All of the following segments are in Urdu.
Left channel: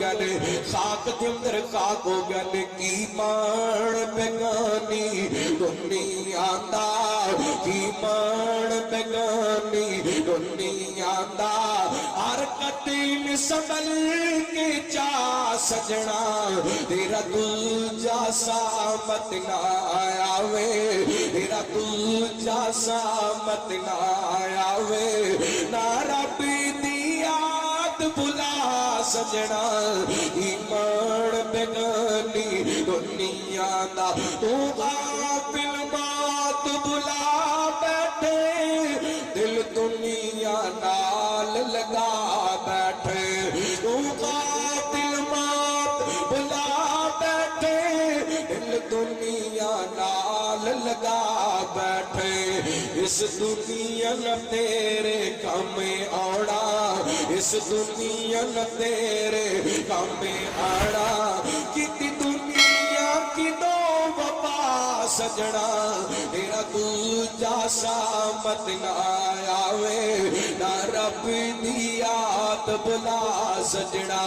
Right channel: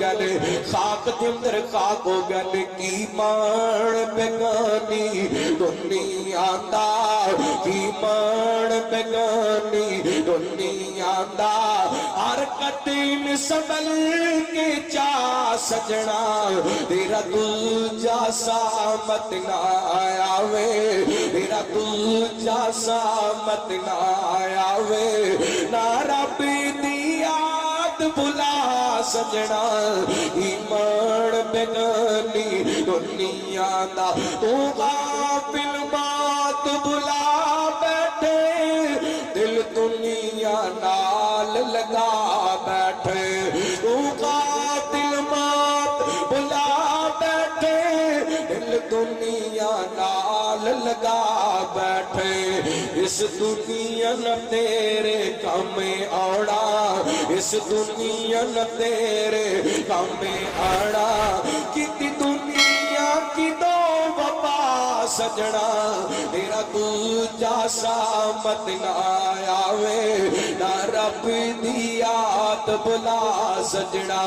گئے خاک دے اندر خاک ہو گئے کی مان بیگانی دنیا دا کی مان بیگانی دنیا دا ہر قدم سنبھل کے چا سجنا تیرا دوجا سامت نہ آوے تیرا دوجا سامت نہ آوے نہ رب دی یاد بلا سجنا ایمان بیگانی دنیا دا تو غافل بات بلا بیٹھے دل دنیا نال لگا بیٹھے تو غافل بات بلا بیٹھے دل دنیا نال لگا بیٹھے اس دنیا نہ تیرے کام آڑا اس دنیا نہ تیرے کام آڑا کتی دنیا کی دو وفا سجنا تیرا دوجا سامت نہ آوے نہ رب دی یاد بلا سجنا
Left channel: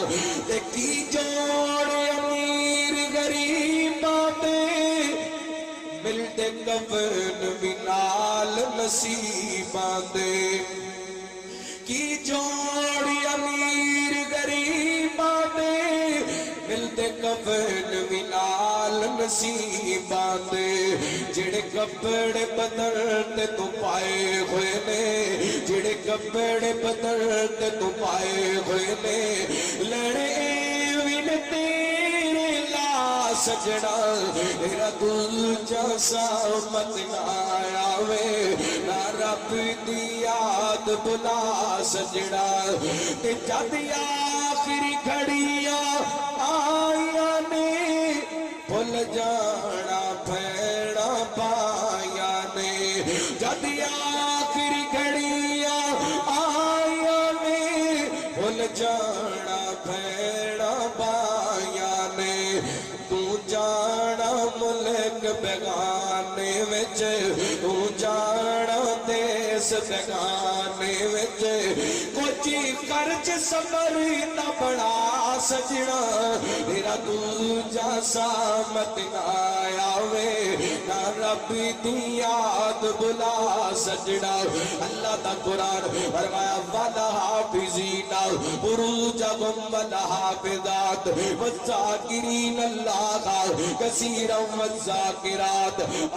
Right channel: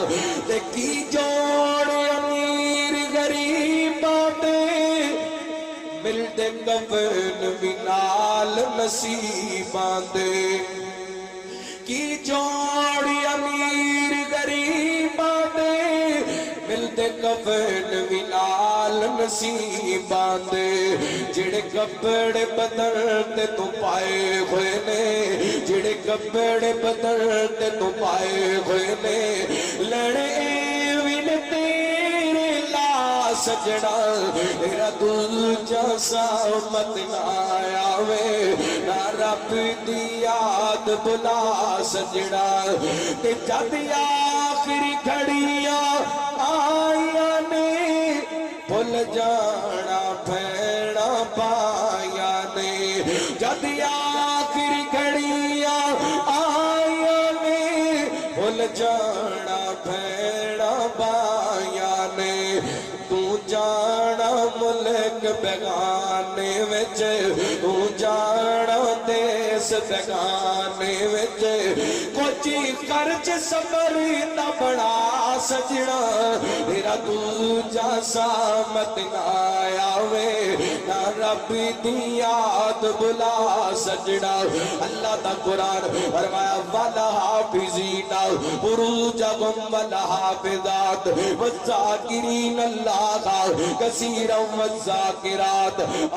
کی جوڑ امیر غریب ملتے کفن بنال نصیباں دے کی جوڑی امیر غریباں دے ملتے کفن بنال نصیباں دے جڑے کپڑے بدلتے تو پائے ہوئے نے جڑے کپڑے بدلتے تو پائے ہوئے نے لڑے سجنا تیرا دوجا سامت نہ آوے نہ رب دی یاد بلا سجنا تے جد آخری گھڑیاں آئیاں نے بھول جانا پھیڑا پایا نے جد آخری گھڑیاں آئیاں نے بھول جانا پھیڑا پایا نے تو جانا ملک بیگانے وچ تو جانا دیس بیگانے وچ کوچی خرچ صبر نہ بڑا سجنا تیرا دوجا سامت نہ آوے نہ رب دی یاد بلا سجنا اللہ دا قرآن فرمایا والا حافظین فروجہم والا حافظات والذاکرین اللہ کثیرا والذاکرات